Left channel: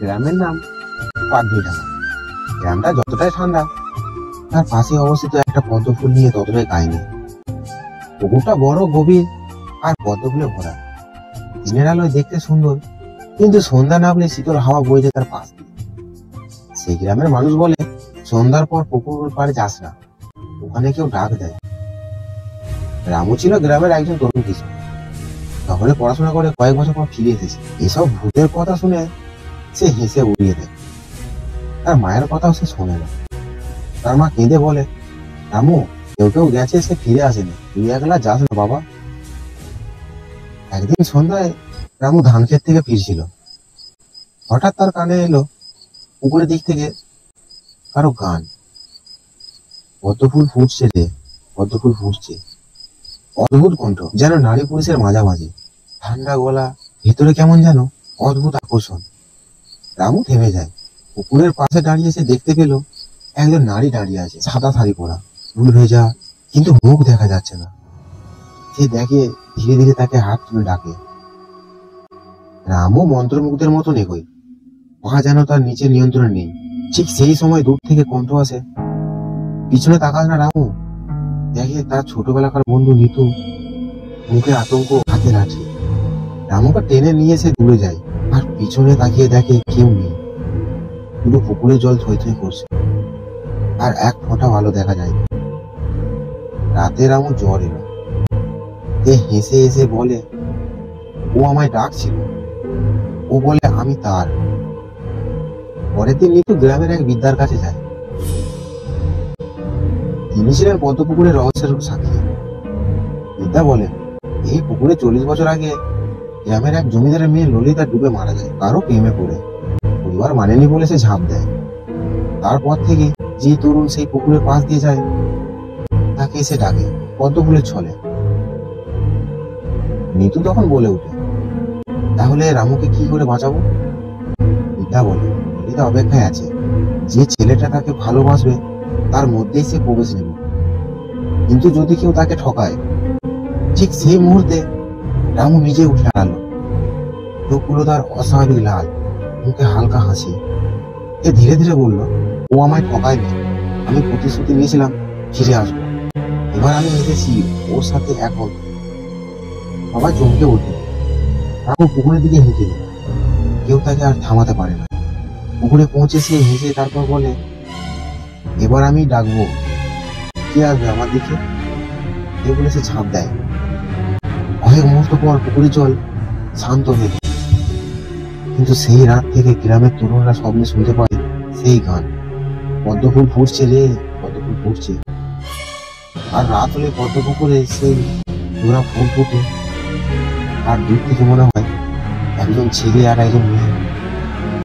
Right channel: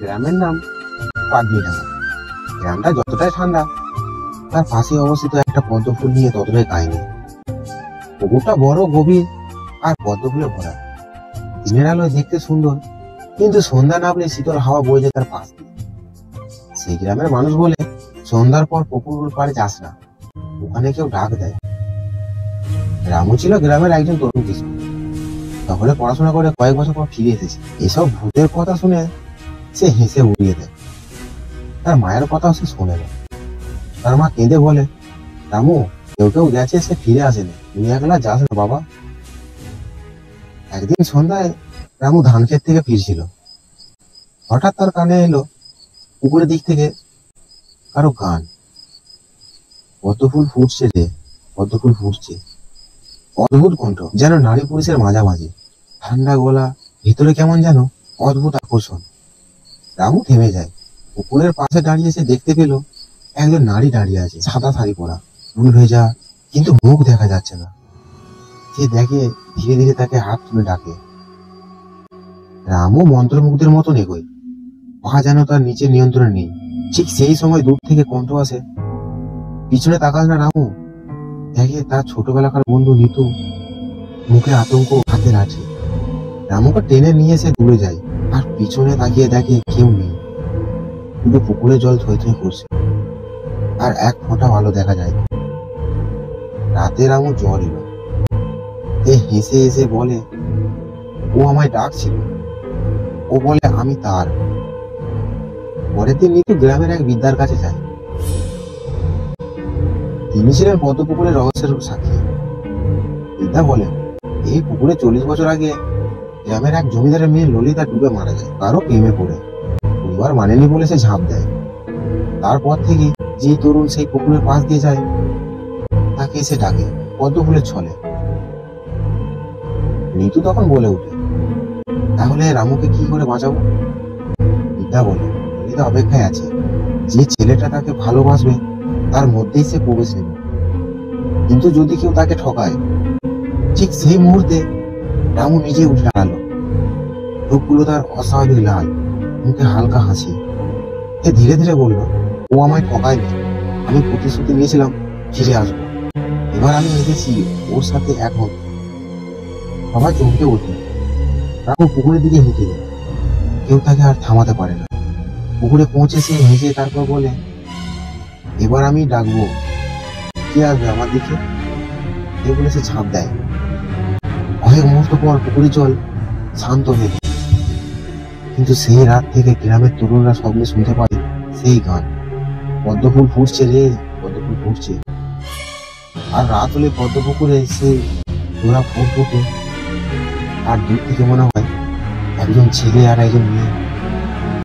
গ্রামের নাম পাগনিডাঙ্গা। গ্রামটা যতটাই ঠান্ডা, তার পাশে অবস্থিত একটা পদ্ম ফুল নিয়ে ততটাই কাহিনী। পুকুরটা বড়, গভীর আর পদ্ম ফুলে ভরা। দিনের আলোয় দেখতে সুন্দর, কিন্তু সন্ধ্যা নামলে শীতল হাওয়া বয়ে যায় তার পাশ দিয়ে। সেই গ্রামের মানুষ বলে, সন্ধ্যার পর পুকুর পাড়ে যাস না, ওখানে কেউ ডাক দেয়। রামু ছিল গ্রামের একজন তরুণ কৃষক। শহরে পড়াশোনা করে কয়েক বছর পর ফিরে এসেছে। এসব ভূতের কথা শুনে সে হেসে উড়িয়ে দেয়। তার মায়ের কথাও সে শোনে না। তার মা কেঁদে বলে, রামু, কেউ কেউ গেছে, সে ফিরে আসেনি, তুই একলা যাস না বাবা। একদিন সন্ধ্যায় রামু ধান ক্ষেত থেকে ফিরছিল। হঠাৎ তার কানে এলো পুকুরের দিক থেকে কারো গান। পদ্ম ফুল ফুটছে রে, পদ্ম ফুল ফুটছে। অদ্ভুত কণ্ঠ, যেন নারী পুরুষের মাঝামাঝি। ঠান্ডা গলা, ভেতরে কেমন যেন অদ্ভুত আকর্ষণ। রামু থেমে যায়। পুকুরের পাশে দাঁড়িয়ে সে দেখতে পেল একজন নারী দাঁড়িয়ে আছে, সাদা শাড়ি পরা, চুল ভেজা, কিন্তু মুখ দেখা যাচ্ছে না। সে দেখে, ধীরে ধীরে তাকে হাত তুলে ডাকে। রামু মন্ত্রমুগ্ধের মতন এগোয়, পা যেন তার নিচের নিয়ন্ত্রণে নেই। ঠিক সেই সময় দূর থেকে কণ্ঠ আসে, পিছনে তাকাস না রামু। দেখে তার ছোটবেলাকার বন্ধু নিতু, মুখে আতঙ্ক, হাতে লাঠি। রামুকে টেনে নিয়ে সে দূরে যায়, আর পিছনে তাকিয়ে দেখে কেউ নেই। পুরো পুকুরে জল থই থই করছে, আর এক ফোঁটা ভালো দেখা যায়। রাতে রামু জ্বর এলো। সে হেসে হেসে বলে, ও আমায় ডাকছিল। ও বলে আমি তার। পরের দিন নিতু গ্রামের এক বিদ্যার কাছে যায়। তিনি ছিলেন পদ্ম পুকুরের রহস্যের সাক্ষী। বিদ্যা বলে, এই পুকুরে 40 বছর আগে গ্রামের এক জমিদারের মেয়ে ললিতা ডুবে মারা যায়, কারো প্রেমে পড়ে। পরিবার মানেনি বলে সে ঝাঁপ দেয়। তারপর থেকে যে তরুণ সেই পুকুরের পাশ দিয়ে যায়, তাকে সে ডাকে পদ্ম ফুলের ছলে। নিতু তখন বলে ওঠে, তাহলে রামুকে কি করে বাঁচাবো? বিদ্যা বলে, ললিতা অপেক্ষায় আছে। যে ছেলেটা তাকে ভালোবাসবে, তার মধ্যেই সে প্রবেশ নেবে। কিন্তু যদি কেউ তাকে ঠকায়, ঠিক সেই মুহূর্তে রামু নিজে উঠে দাঁড়ালো। চোখগুলো তার অস্বাভাবিক লাল, মুখে হালকা হাসি। সে ধীরে ধীরে বলল, ও আমায় ঠকায়নি, আমি প্রতিশ্রুতি নিয়েছিলাম ফিরে আসবো। এবার আমি এসেছি ওর সাথে এক হতে। সবাই চমকে ওঠে। রামু পুকুরের দিকে হেঁটে গেল। কেউ তাকে আর থামাতে পারে না। পুকুরে পৌঁছে সে হেসে তারপর বলে, এবার আমি ডাকবো, কে আসবে আমার দিকে? এ বলে সে ঝাঁপ দেয়। কয়েক মুহূর্ত পর পুকুরের জল শান্ত হয়ে যায়। কিন্তু সেই রাত থেকে গ্রামের তরুণরা স্বপ্নে শুনতে পায় সেই গান, পদ্ম ফুল ফুটছে রে, পদ্ম ফুল ফুটছে। আর রাত হলে পদ্ম পুকুরে সেই জোড়া ফুল ফুটে, আর দূর থেকে মনে হয় একজন ছেলে আর একজন মেয়ে